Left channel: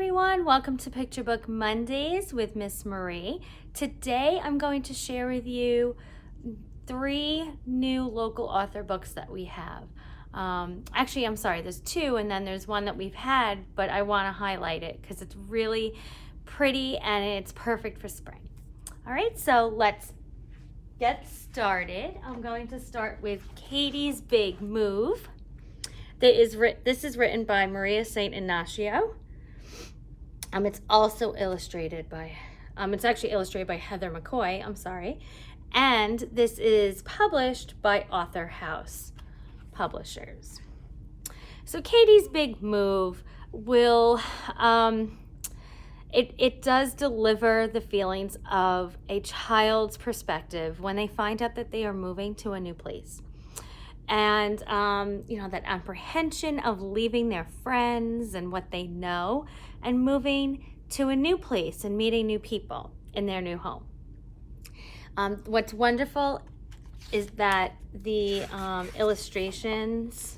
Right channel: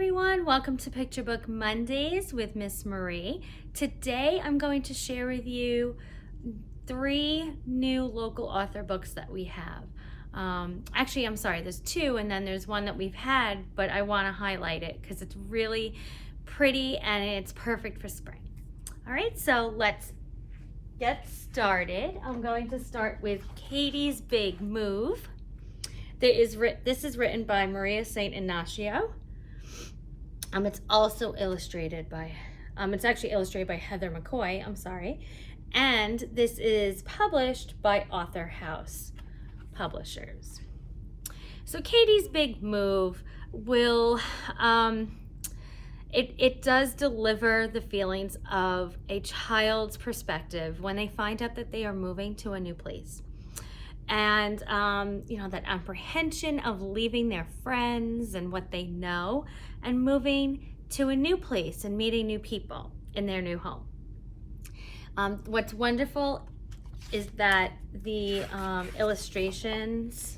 everyone, welcome to Picture Book Mondays with Miss Marie. Today I'm going to share with you 3 new local author books that we have. Actually, I'm sorry, there's 2 and then there's one that we've had, but I want to highlight it because it's really pretty and it's perfect for spring. All right, so let's get started. I'm going to start with Katie's Big Move. This is written by Maria St. Inacio. It's also illustrated by, it's actually illustrated by Heather McCoy, I'm sorry. And this is published by AuthorHouse Publishers. So Katie's Big Move will, it does deliver the feelings of a child's perspective when they find out that they are moving to a new place. And, that apprehension of leaving their friends and what they know and moving to a new place and meeting new people in their new home. What's wonderful is that the illustrations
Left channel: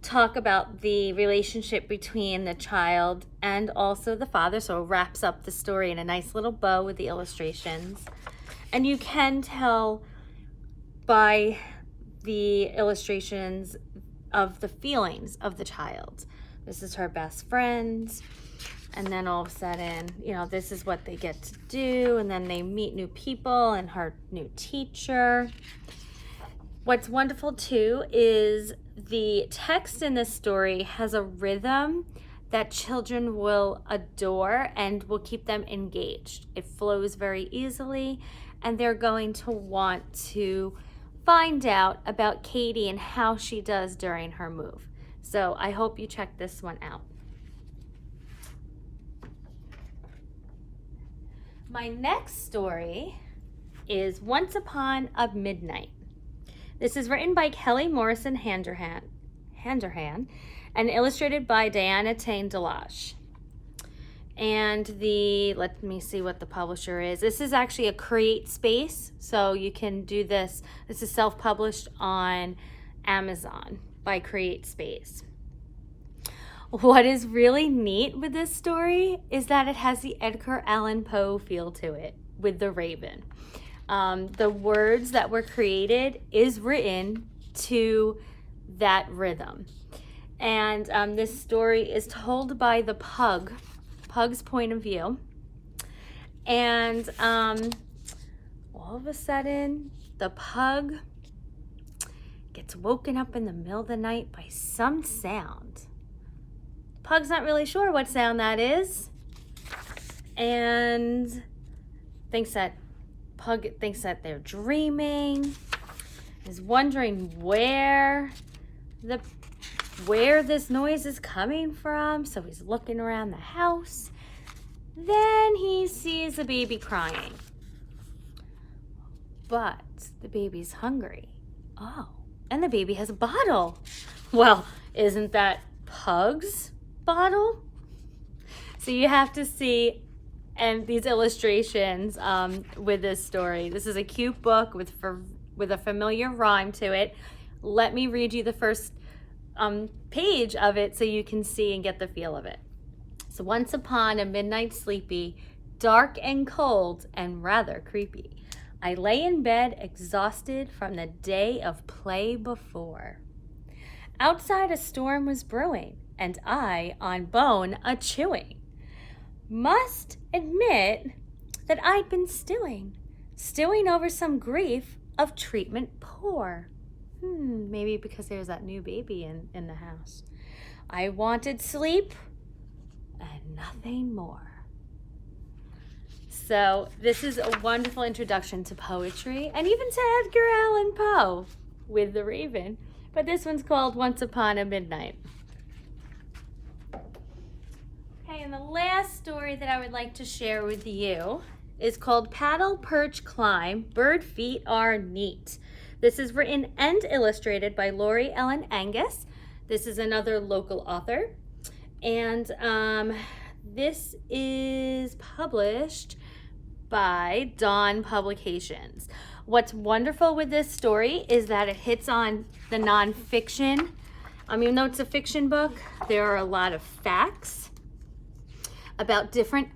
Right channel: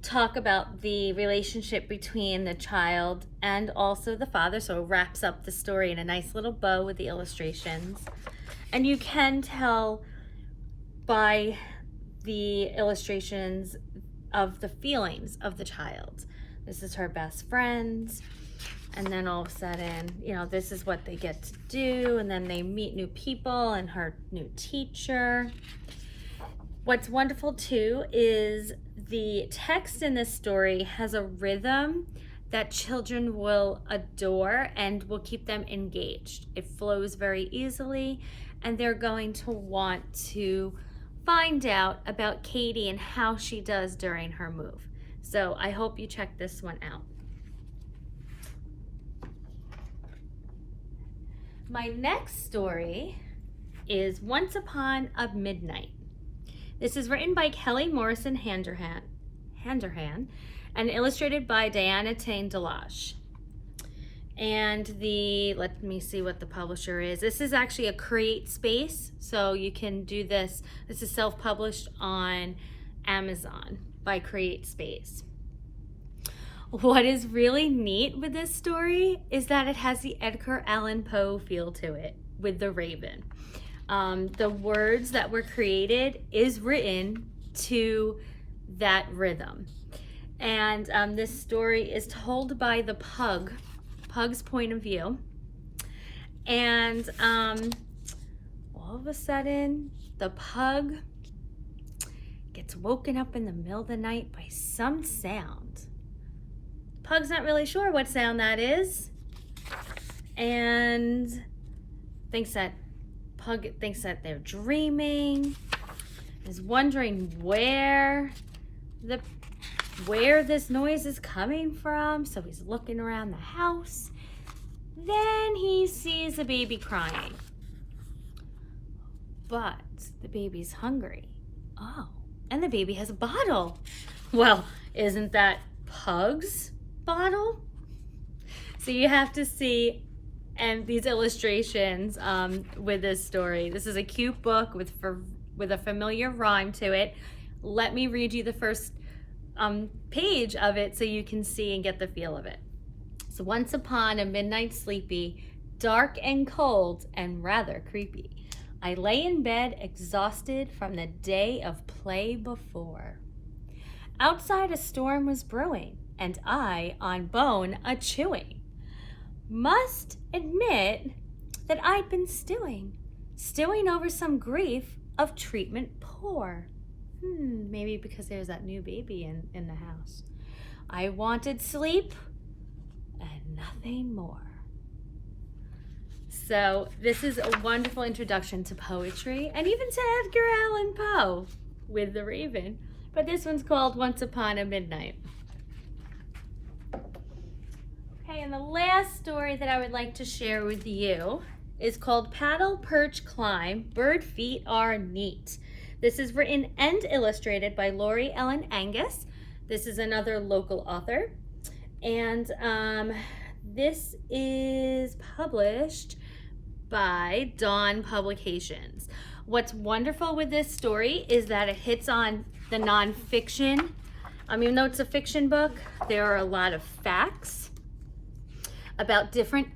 talk about the relationship between the child and also the father, so it wraps up the story in a nice little bow with the illustrations. And you can tell by the illustrations of the feelings of the child. This is her best friend, and then all of a sudden, this is what they get to do, and then they meet new people and her new teacher. What's wonderful too is the text in this story has a rhythm that children will adore and will keep them engaged. It flows very easily, and they're going to want to find out about Katie and how she does during her move. So I hope you check this one out. My next story is Once Upon a Midnight. This is written by Kelly Morrison Handerhan and illustrated by Diana Ting Delosh. And let me see what the publisher is. This is actually a CreateSpace, so you can do this. This is self-published on Amazon by CreateSpace. What is really neat with this story is that it has the Edgar Allan Poe feel to it with the Raven. The words that were created is written to that rhythm. And this story is told by the Pug's point of view, and all of a sudden the Pug gets woken up in the middle of the night by some sound. Pug's not really sure what sound that is, and Pug thinks that they're dreaming, is wondering where this noise is coming from, so he's looking around the house. Then he sees a baby crying, but the baby's hungry. Oh, and the baby has a bottle. Well, isn't that Pug's bottle? So you have to see these illustrations with this story. This is a cute book with a familiar rhyme to it. Let me read you the first page of it so you can see and get the feel of it. So once upon a midnight sleepy, dark and cold and rather creepy, I lay in bed exhausted from the day of play before. Outside a storm was brewing, and I on bone a chewing. Must admit that I'd been stewing over some grief of treatment poor. Maybe because there's that new baby in the house. I wanted sleep and nothing more. So this is a wonderful introduction to poetry and even to Edgar Allan Poe with the Raven. But this one's called Once Upon a Midnight. Okay, and the last story that I would like to share with you is called Paddle, Perch, Climb, Bird Feet Are Neat. This is written and illustrated by Laurie and Angus. This is another local author. And this is published by Dawn Publications. What's wonderful with this story is that it hits on the nonfiction. Even though it's a fiction book, there are a lot of facts about different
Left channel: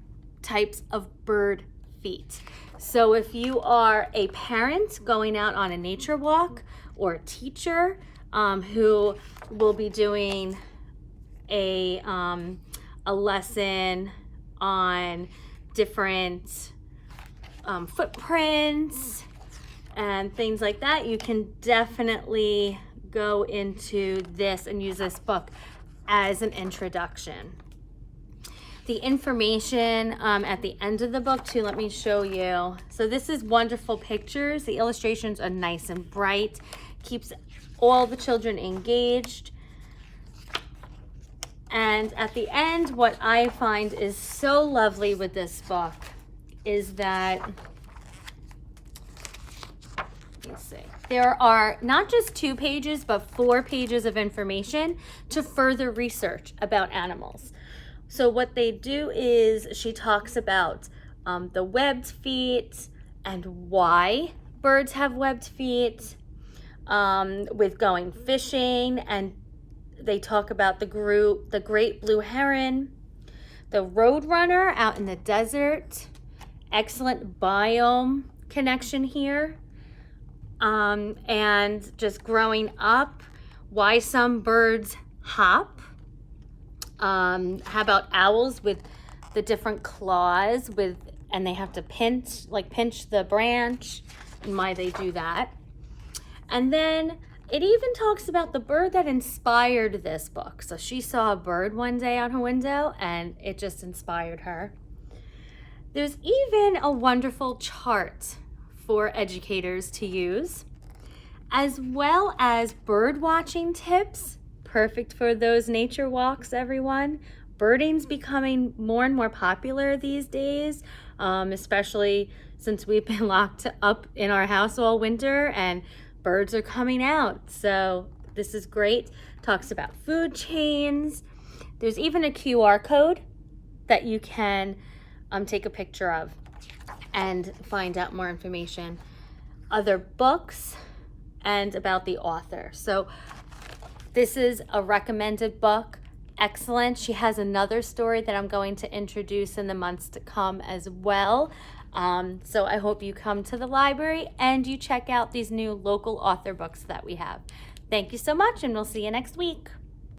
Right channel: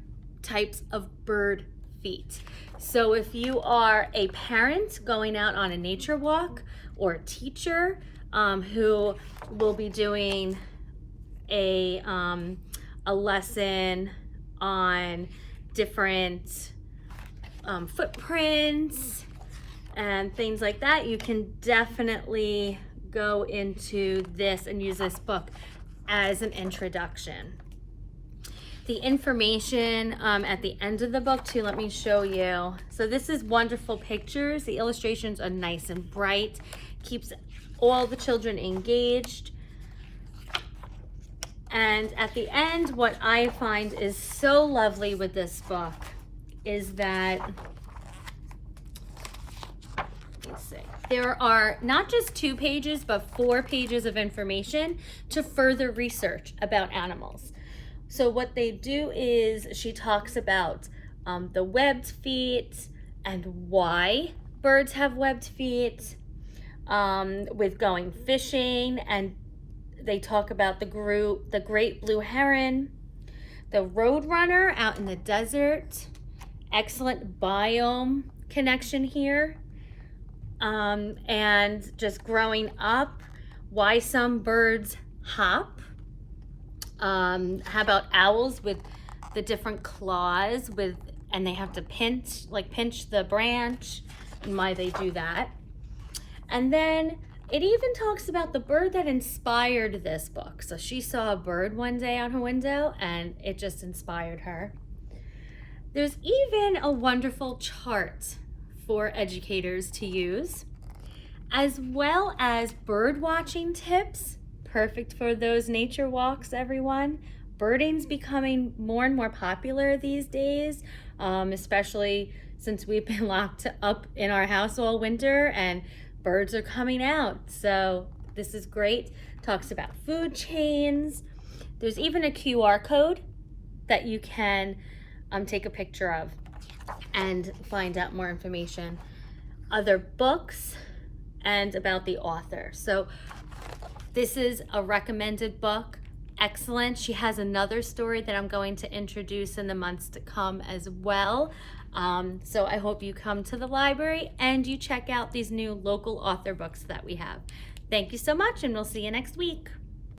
types of bird feet. So if you are a parent going out on a nature walk, or a teacher who will be doing a lesson on different footprints and things like that, you can definitely go into this and use this book as an introduction. The information at the end of the book too, let me show you. So this is wonderful pictures. The illustrations are nice and bright, keeps all the children engaged. And at the end, what I find is so lovely with this book is that, let's see, there are not just 2 pages, but 4 pages of information to further research about animals. So what they do is she talks about the webbed feet and why birds have webbed feet, with going fishing, and they talk about the great blue heron, the roadrunner out in the desert, excellent biome connection here, and just growing up, why some birds hop. How about owls with the different claws and they have to pinch the branch, and why they do that. And then it even talks about the bird that inspired this book. So she saw a bird one day on her window and it just inspired her. There's even a wonderful chart for educators to use, as well as bird watching tips. Perfect for those nature walks, everyone. Birding's becoming more and more popular these days, especially since we've been locked up in our house all winter and birds are coming out. So this is great. Talks about food chains. There's even a QR code that you can take a picture of and find out more information, other books, and about the author. So this is a recommended book. Excellent. She has another story that I'm going to introduce in the months to come as well. So I hope you come to the library and you check out these new local author books that we have. Thank you so much, and we'll see you next week.